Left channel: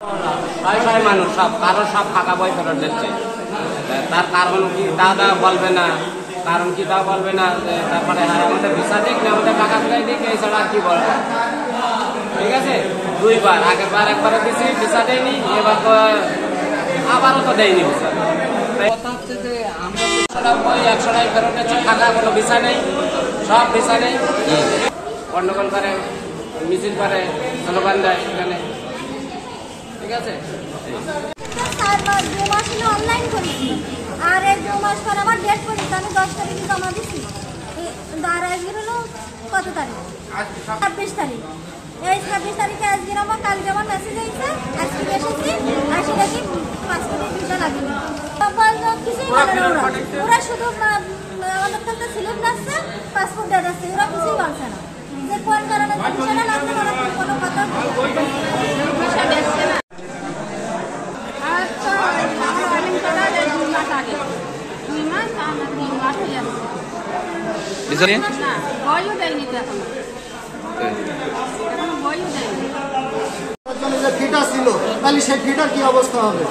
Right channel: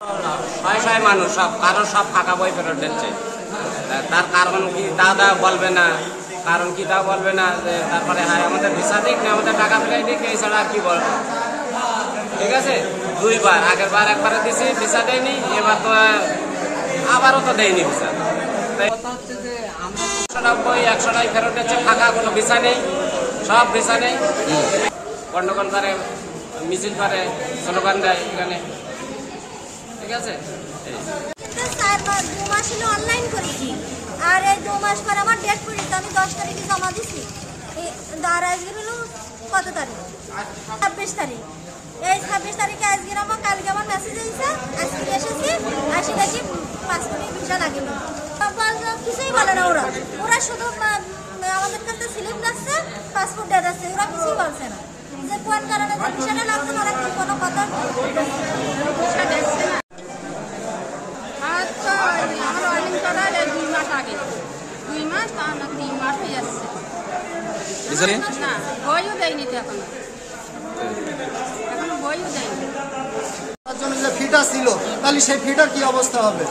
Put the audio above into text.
ছয় ছয় মানুষ সব কারো সব ফাঁকা বই ফেরত দিচ্ছে। তার কারণ কি তা বলবে না, কারণ কি তা বলবে না। তারপরে হ্যাঁ আমাদের ভিসা দিক না আমাদের টাকা ফেরাই দিক, এছাড়া আর কি বলবো। ঠিক আছে, দুইবার, আগের বার একবারে দিছি ভিসা দেয়নি, এবার তো আবারও তো দেয়নি ভিসা। কথা হচ্ছে যে আমরা 100 টাকা ফেরত দিচ্ছে, ফাঁকা কোনো ভিসা নেই, সব ভিসা নেই। গন্ডগোল করে, মিছিল করে, স্লোগান দেয় এখানে। ঠিক আছে, অনলাইন করেছি, আর এই 2 মাস পর আমার ডেট পড়েছে, আমি 10 তারিখে জমা দিচ্ছি। আর আজকে হলো কত তারিখ? 26 তারিখ। এই 26 তারিখে আজকে আমার কালকে আমার মেসেজ হয়েছে, আজকে এসেছি, আসি দেখি পাসপোর্টের ভিসা লাগেনি। কিছুই বলে না ওরা শুধু আমাদের কাছে স্লিপ দিচ্ছে, পাসপোর্ট ডেট আছে, ওরা কিছুই বলছে না যে কোন কারণে ভিসাটা লাগছে না, কোনো কথা ভিসা দিচ্ছে না। ভয়ও দেয়নি তো এখন, ভয়ও দেয়নি। ফিটা ছিল, তাহলে সেই ফিটার কি অবস্থা হবে?